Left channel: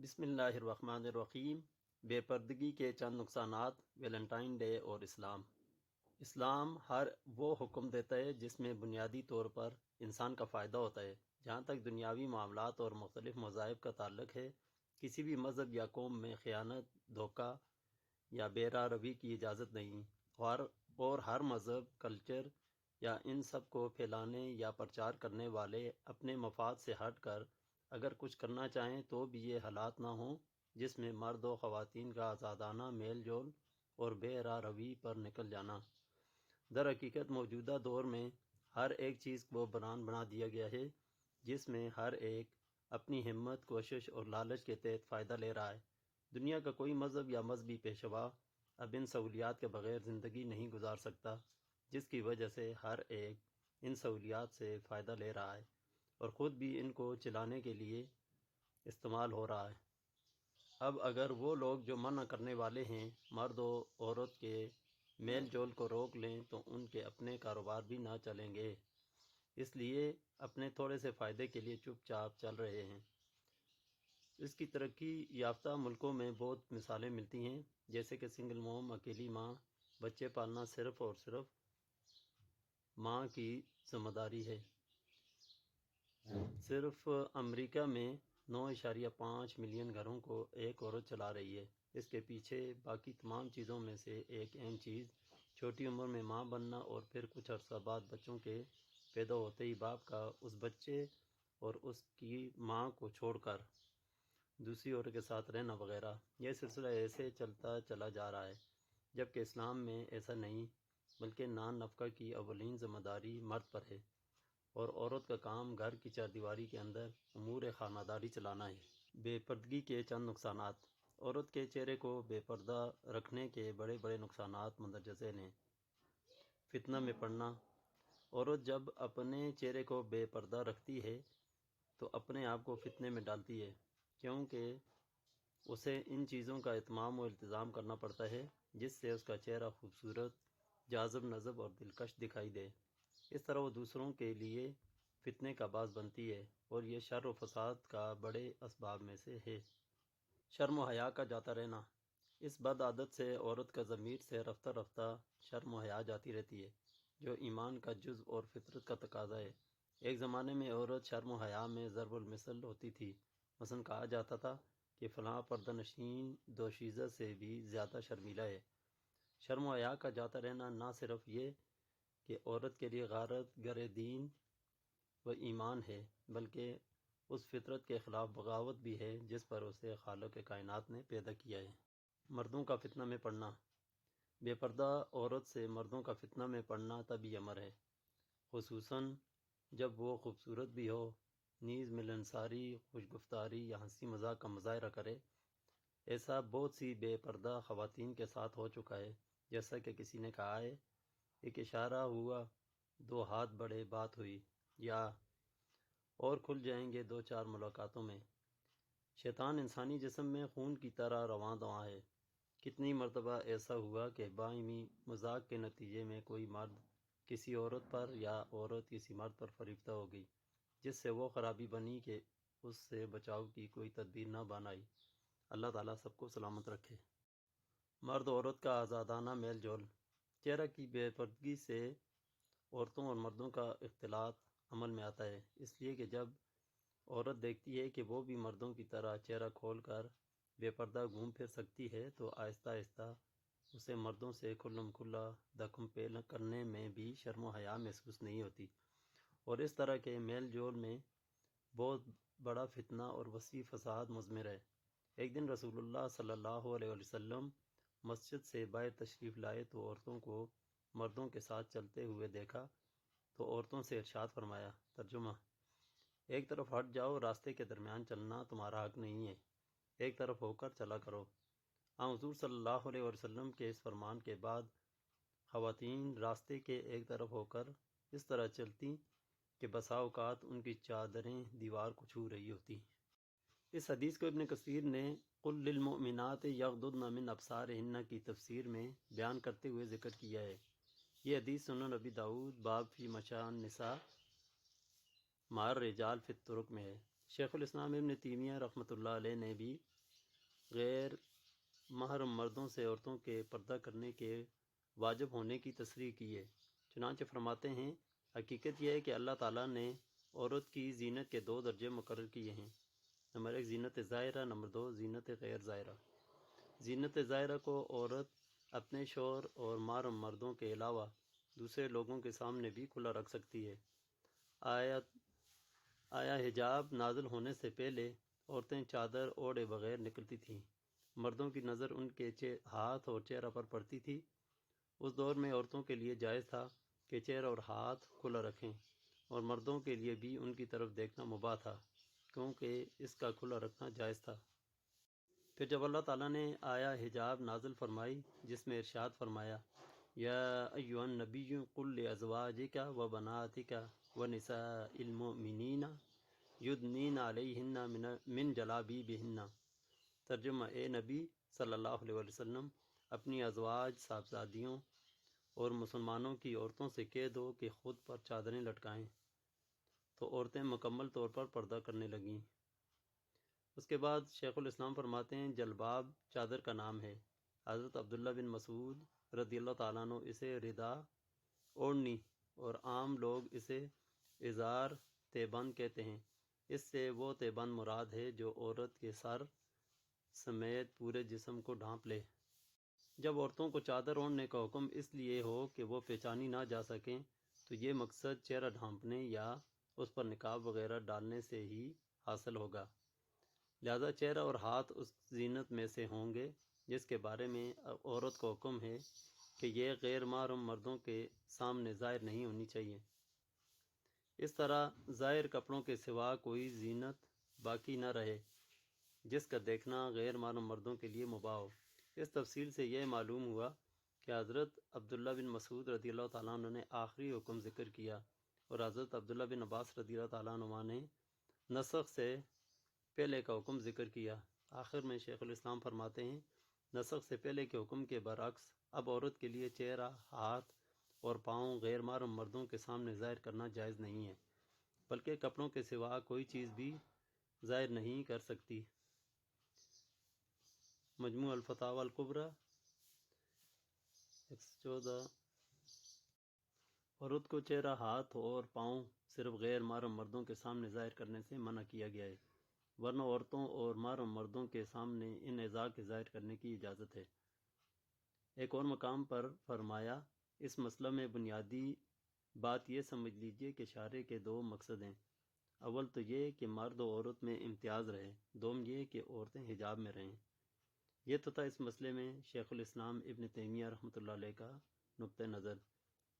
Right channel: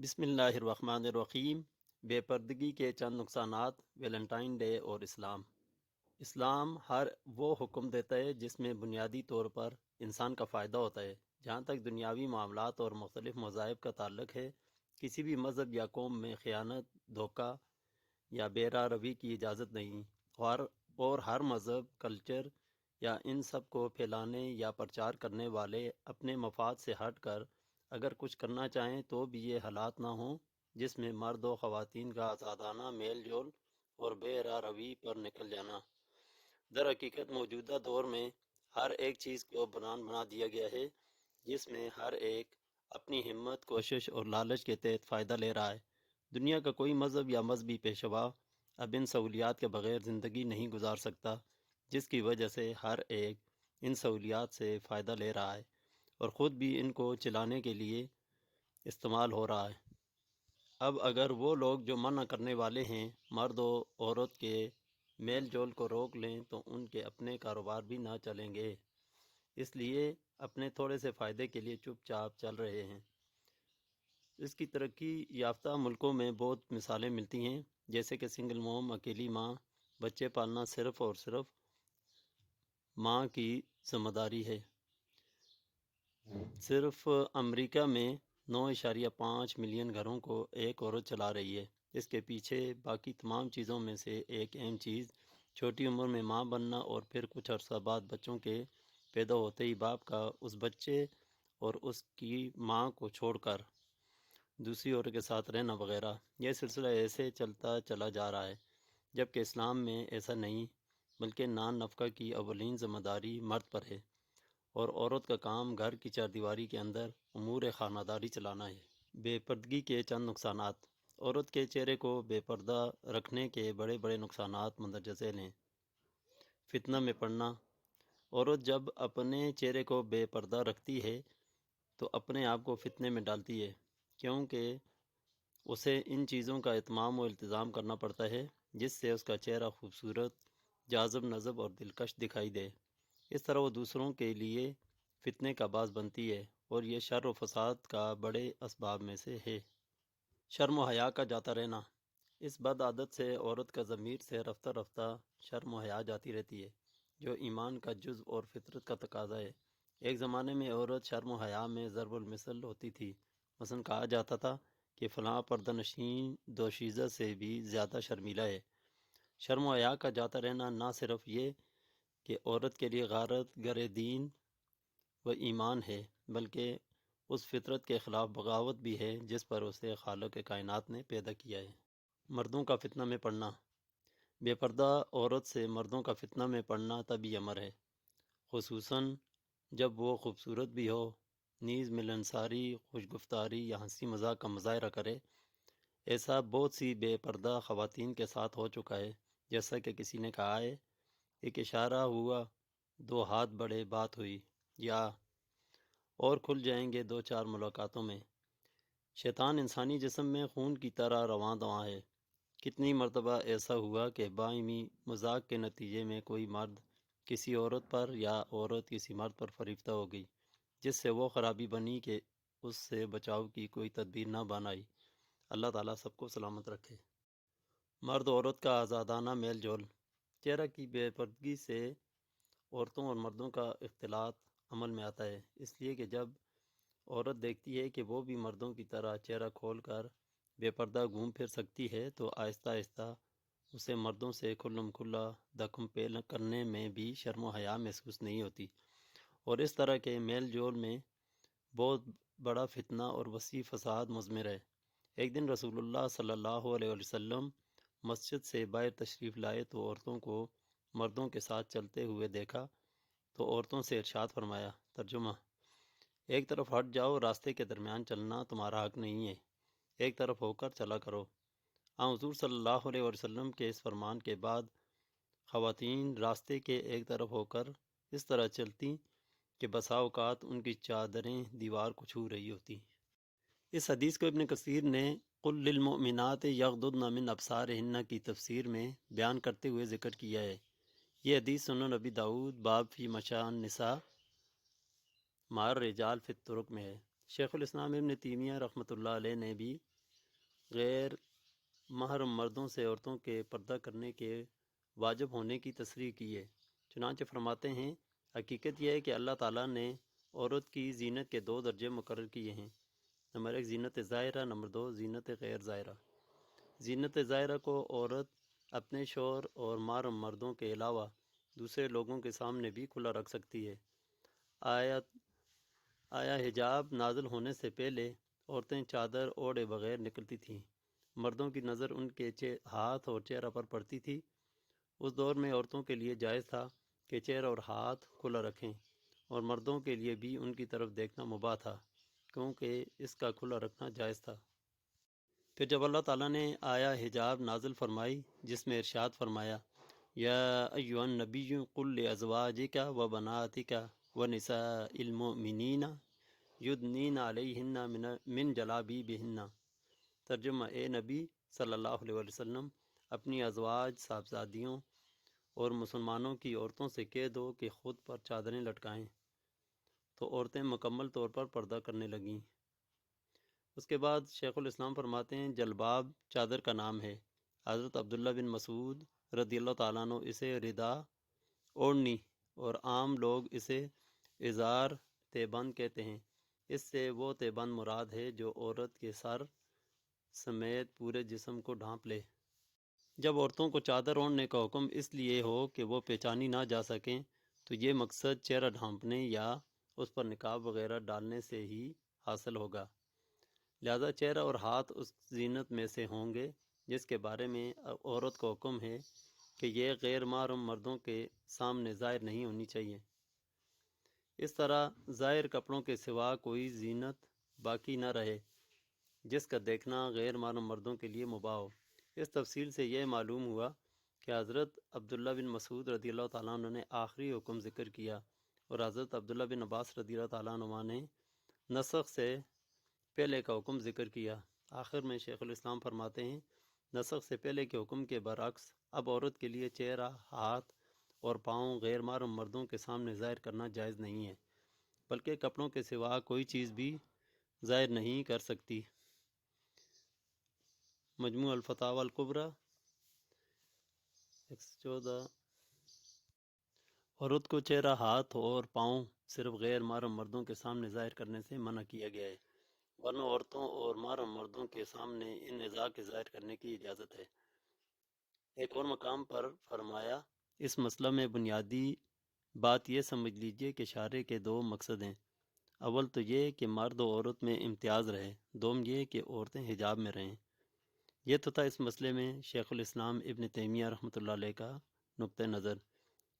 بسم اللہ الرحمن الرحیم۔ بے پردگی کے چند نقصانات، ویلنٹائن ڈے اور اسلام ہر وہ حکم دیتا ہے جس میں بنیادی طور پر انسان کا فائدہ ہوتا ہے۔ جہاں تک دنیاوی معاملات اور مختلف مذاہب کا تعلق ہے، کسی بھی مذہب یا قوم میں خیانت، دھوکہ یا بے راہ روی کی اجازت نہیں، اور ہر مذہب، کلچر یا ان سب کو پھیلانے یا پرچار کرنے والے اپنے مفاد سے ہٹ کر اگر کچھ کرنا چاہیں تو بھی یہ حالات نہ ہوں جس میں مرد و خواتین کا آزادانہ میل جول اور بے راہ روی پر نکل جانا۔ در حقیقت موجودہ دور میں ہر ایک چیز کو بنا دیا گیا ہے، جس میں ہر ایک اپنی ہمت، کوشش اور لالچ کے تحت فائدہ لے رہا ہے۔ دنیا کا کوئی مذہب یا مذہبی پیشوا اب ان سہولیات کے بغیر زندگی نہیں گزار سکتا، جس کی وجہ سے ہر ایک ان سہولیات سے فائدہ لے رہا ہے اور خود بھی ان کو چلانے کے لیے استعمال ہو رہا ہے۔ اب اگر وہ لوگ جو منع کرنے والے ہیں مرد و عورت کے میل جول کو روک لیں تو ان کے اپنے کاروبار بھی نہ چلیں گے، اس لیے اپنے تھوڑے سے فائدے کے لیے چپ چاپ چل رہے ہیں۔ اس کی ترقی یافتہ ملکوں میں بہت مثالیں ملتی ہیں، جیسے کہ سنگل موم، اکیلی ماں، بچے پالنا صرف اور صرف ماں کی ذمہ داری ہے۔ صرف امریکہ میں 9.5 ملین گھروں کو ایک عورت چلا رہی ہے۔ اس کے پیچھے باقی تمام چیزوں میں سے ایک اہم چیز چھوٹی عمر میں ماں بننا اور پھر کچھ عرصہ بعد بچوں کے پیدا ہوتے ہی باپ کا اس بچے اور اس کی ماں کو چھوڑ کر دوسری عورت کے ساتھ رہنا وغیرہ۔ یہ سلسلہ ایسے چلتا چلا جا رہا ہے، جبکہ اسلام میں ایسا نہیں، بلکہ نان نفقہ کی اولین ذمہ داری مرد پر ہے اور عورت کا کام گھر کی چاردیواری کے اندر امور خانہ داری چلانا ہے۔ بے پردگی کے چند نقصانات۔ عورت کے چہرے کو بے پردہ رکھنے کے بڑے بڑے نقصانات مندرجہ ذیل ہیں۔ فتنہ میں پڑنا۔ عورت جب اپنے چہرے کو بے پردہ رکھتی ہے تو اپنے آپ کو فتنے میں ڈالتی ہے، کیونکہ اسے ان چیزوں کا اہتمام و التزام کرنا پڑتا ہے جس سے اس کا چہرہ خوبصورت، جاذب نظر اور دلکش دکھائی دے۔ اس طرح وہ دوسروں کے لیے فتنے کا باعث بنتی ہے اور یہ شر و فساد کا بڑے اسباب میں سے ہے۔ شرم و حیا کا جاتا رہنا۔ اس بد عادت سے عورت کا ضمیر سے رفتہ رفتہ شرم و حیا جاتی رہتی ہے، جو ایمان کا جزو اور فطرت کا تقاضا ہے۔ ایک زمانے میں عورت شرم و حیا میں ضرب المثل ہوتی تھی، مثلا کہا جاتا تھا کہ فلاں پردہ نشین دوشیزہ سے بھی زیادہ شرمیلا ہے۔ شرم و حیا کا جاتا رہنا نہ صرف یہ کہ عورت کے لیے غارت گر دین و ایمان ہے، بلکہ اس فطرت کے خلاف بغاوت بھی ہے جس پر اسے خالق کائنات نے پیدا کیا ہے۔ مردوں کا فتنہ میں پڑنا۔ بے پردہ عورت سے مردوں کا فتنہ میں پڑنا طبی امر ہے، خصوصاً جب وہ خوبصورت بھی ہو، نیز ملنساری، خوش گفتاری یا ہنسی مذاق کا مظاہرہ کرے۔ ایسا بہت سی بے پردہ خواتین کے ساتھ ہو چکا ہے، جیسا کہ کسی نے کہا ہے، ایک اشارہ ہوا، 2 ہاتھ بڑھے، بات ہوئی، یا اور کھل جائیں گے 2-4 ملاقاتوں میں۔ شیطان انسانی جسم میں خون کی طرح رواں دواں ہے۔ کتنی مرتبہ ایسا ہوا کہ باہمی مذاق کے نتیجے میں کوئی مرد کسی عورت پر یا عورت کسی مرد پر فریفتہ ہو گئی، جس سے وہ خرابی بنی کہ اس سے بچاؤ کی کوئی تدبیر نہ بنائی۔ اللہ تعالیٰ سب کو سلامت رکھے۔ مرد عورت کا آزادانہ میل جول۔ چہرہ کی بے پردگی سے عورتوں اور مردوں کا اختلاط عمل میں آتا ہے، اس لیے کہ جب عورت دیکھتی ہے کہ وہ بھی مردوں کی طرح چہرہ کھول کر بے پردہ گھوم پھر سکتی ہے تو آہستہ آہستہ اسے مردوں سے کھلم کھلا دکم پیل کرنے میں بھی شرم و حیا محسوس نہیں ہوتی، اور اس طرح کے میل جول میں بہت بڑا فتنہ اور وسیع فساد مضمر ہے۔ ایک دن رسول اللہ صلی اللہ علیہ وسلم مسجد سے باہر تشریف لائے تو عورتوں کو مردوں کے ساتھ چلتے ہوئے دیکھا تو عورتوں سے ارشاد فرمایا، ترجمہ: ایک طرف ہٹ جاؤ، راستے کے درمیان چلنا تمہارا حق نہیں ہے، ایک طرف ہو کر چلا کرو۔ حضور صلی اللہ علیہ وسلم کے اس فرمان کے بعد خواتین راستے کے ایک طرف ہو کر اس طرح چلتی کہ بسا اوقات ان کی چادریں دیوار کو چھو رہی ہوتی۔ اس حدیث کو ابن کثیر نے قل للمؤمنات یغضضن من ابصارہن کی تفسیر میں بیان کرتے ہوئے ذکر کیا ہے۔ یہ حدیث سنن ابی داؤد باب فی مشاء النساء مع الرجال فی الطرق میں ہے۔ شیخ الاسلام ابن تیمیہ رحمۃ اللہ علیہ نے بھی غیر محرم مردوں سے عورتوں کے پردہ کرنے کے واجب ہونے کی تصریح کی ہے۔ چنانچہ فرماتے ہیں، حقیقت یہ ہے کہ اللہ تعالیٰ نے عورت کی زینت کے 2 درجے مقرر کیے ہیں۔ نمبر 1 زینت ظاہرہ، نمبر 2 زینت غیر ظاہرہ۔ زینت ظاہرہ کو عورت اپنے شوہر اور محرم مردوں کے علاوہ دوسرے لوگوں کے سامنے بھی کھلا رکھ سکتی ہے۔ آیا حجاب نازل ہونے سے پہلے عورتیں چادر اوڑھے بغیر نکلتی تھیں۔ مردوں کی نظر ان کے ہاتھ اور چہرہ پر پڑتی تھی۔ اس دور میں عورتوں کے لیے جائز تھا کہ چہرہ اور ہاتھ کھلا رکھیں، اور مردوں کے لیے بھی ان کی طرف دیکھنا مباح تھا، کیونکہ اس کا کھلا رکھنا جائز تھا۔ پھر جب اللہ تعالیٰ نے آیا حجاب نازل فرمائی، جس میں ارشاد فرمایا، یا ایھا النبی قل لازواجک و بناتک و نساء المؤمنین یدنین علیہن من جلابیبہن، ترجمہ، اے نبی صلی اللہ علیہ وسلم اپنی ازواج، صاحبزادیوں اور مسلمانوں کی عورتوں سے کہہ دو کہ خود پر چادریں لٹکائیں۔ تو عورتیں مکمل طور پر پردہ کرنے لگیں۔ اس کے بعد شیخ الاسلام فرماتے ہیں، جلباب چادر کا نام ہے۔ حضرت عبداللہ بن مسعود رضی اللہ تعالیٰ عنہ اسے ردا، اوڑھنی، اور عام لوگ اسے ازار، تیبند کہتے ہیں۔ اس سے وہ تیبند مراد ہے جو عورت کے سر سمیت پورے جسم کو ڈھانپ لے۔ جب عورتوں کو چادر اوڑھنے کا حکم اس لیے ہو کہ وہ پہچانی نہ جا سکیں، تو یہ مقصد چہرہ ڈھانپنے یا اس پر نقاب وغیرہ ڈالنے سے ہی حاصل ہوگا۔ لہذا چہرہ اور ہاتھ اس زینت میں سے ہوں گے جس کے بارے میں عورت کو حکم ہے کہ یہ غیر محرم مردوں کے سامنے ظاہر نہیں ہونی چاہیے۔ اس طرح ظاہر کپڑوں کے سوا کوئی زینت باقی نہ رہے جس کا دیکھنا غیر محرم مردوں کے لیے مباح ہو۔ اس تفصیل سے یہ معلوم ہوا کہ حضرت عبداللہ بن مسعود رضی اللہ تعالیٰ عنہ نے آخری حکم ذکر کیا، اور حضرت عبداللہ بن عباس رضی اللہ تعالیٰ عنہ نے نسخ سے پہلے کا حکم ذکر کیا۔ آخر میں شیخ الاسلام فرماتے ہیں، نسخ سے پہلے کے حکم کے برعکس اب عورت کے لیے چہرہ، ہاتھ اور پاؤں غیر محرم مردوں کے سامنے ظاہر کرنا جائز نہیں ہے، بلکہ کپڑوں کے سوا کوئی چیز بھی ظاہر نہیں کر سکتی۔ مجموع الفتاوی الکبریٰ 114۔ عورت کو چہرہ، ہاتھ اور پاؤں صرف غیر محرم مردوں کے سامنے ظاہر کرنے سے منع کیا گیا ہے، ورنہ عورتوں اور محرم مردوں کے سامنے ان اعضاء کے ظاہر کرنے کی اجازت ہے۔ ایک اور مقام پر فرمایا، اس مسئلہ میں بنیادی بات یہ سمجھ لیجئے کہ شارع کے 2 مقصد ہیں۔ اول تو یہ کہ مرد و عورت میں امتیاز رہے، دوم یہ کہ عورتیں حجاب میں رہیں۔ یہ تو تھا اس مسئلے میں شیخ الاسلام ابن تیمیہ رحمۃ اللہ علیہ کا نقطہ نظر۔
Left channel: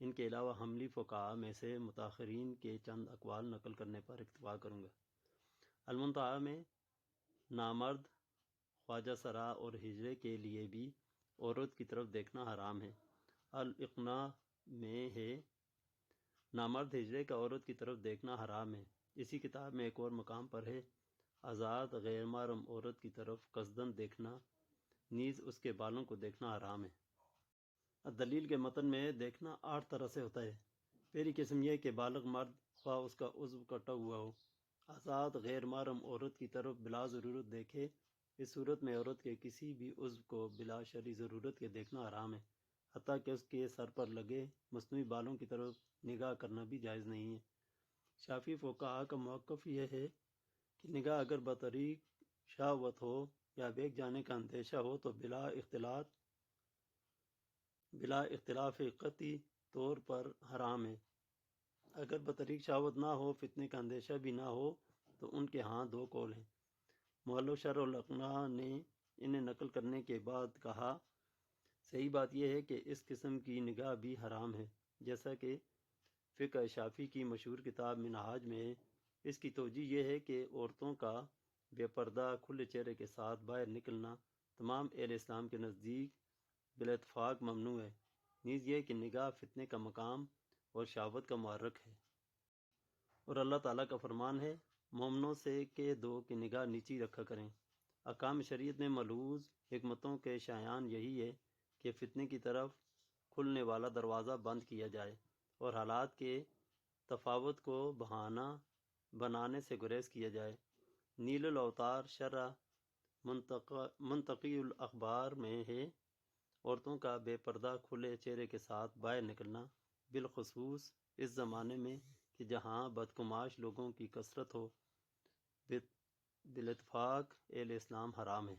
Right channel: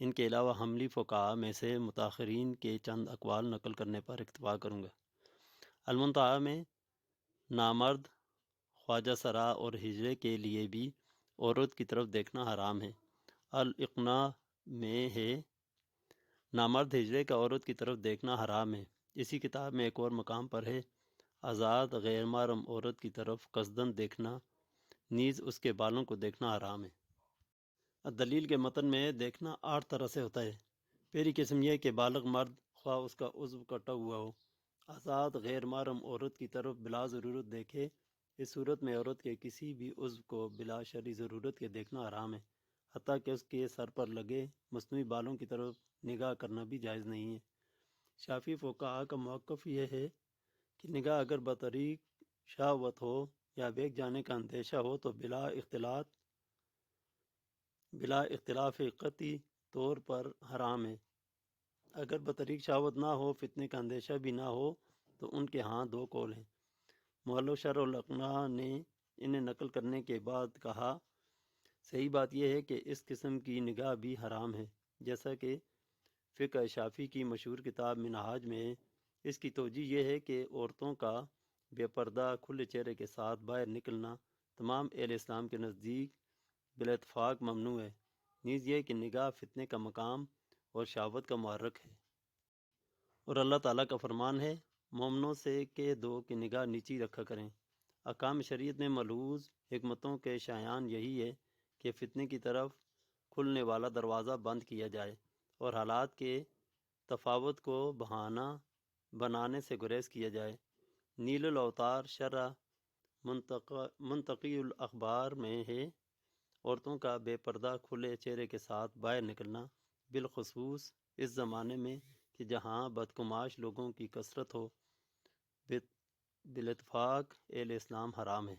ان کے علاوہ حنبلی فقہاء میں سے متاخرین کے چند اقوال نقل کرنے پر اکتفا کروں گا۔ المنتہی میں نامرد، خواجہ سرا اور ہجرے کے لیے بھی عورت کی طرف دیکھنا حرام ہے۔ الاقناع میں ہے، نامرد ہجرے کا عورت کی طرف دیکھنا حرام ہے۔ اسی کتاب میں ایک اور مقام پر ہے، آزاد غیر محرم عورت کی طرف قصداً دیکھنا نیز اس کے بالوں کو دیکھنا حرام ہے۔ دلیل کے متن میں دیکھنا 8 طرح سے ہوتا ہے۔ پہلی قسم یہ کہ بالغ مرد، خواہ اس کا عضو کٹا ہوا ہو، آزاد غیر محرم عورت کی طرف بلا ضرورت دیکھے۔ اس صورت میں عورت کے کسی بھی عضو کو بلا شرعی ضرورت کے دیکھنا حرام ہے، حتیٰ کہ اس کے سر پر لگے مصنوعی بالوں کی طرف نگاہ کرنا بھی جائز نہیں ہے۔ شافعی فقہاء کا موقف یہ ہے کہ نگاہ اگر بطریق شہوت ہو یا بہک جانے کا اندیشہ ہو تو بلا اختلاف قطعی طور پر حرام ہے۔ اگر بطریق شہوت نہ ہو، فتنے کا اندیشہ بھی نہ ہو، تو ان کے ہاں 2 قول ہیں۔ مؤلف شرح الاقناع نے انہیں نقل کرنے کے بعد کہا، صحیح بات یہ ہے کہ اس قسم کی نگاہ بھی حرام ہے، جیسا کہ فقہ شافعی کی مشہور کتاب منہاج میں ہے۔ اس کی توجہ یہ ہے کہ عورتوں کا بے پردہ کھلے چہرے کے ساتھ باہر نکلنا تمام اہل اسلام کے نزدیک بالاتفاق ممنوع ہے، نیز یہ کہ نگاہ فتنے کا مقام اور شہوت کا محرک ہے۔ اور اللہ تعالیٰ کا فرمان ہے، مومنوں سے کہہ دو کہ نگاہ نیچی رکھا کریں۔ احکام شریعت میں ملحوظ حکمتوں کے شایان یہی ہے کہ فتنے کی طرف کھلنے والا دروازہ بند کیا جائے اور حالات کے تفاوت کو بہانہ بنانے سے گریز کیا جائے۔ نیل الاوتار شرح منطقی الاخبار میں ہے، عورتوں کا بے پردہ کھلے چہرے کے ساتھ باہر نکلنا، بالخصوص اس زمانے میں کہ جہاں بدگماش لوگوں کی کثرت ہو، بالاتفاق اہل اسلام حرام ہے۔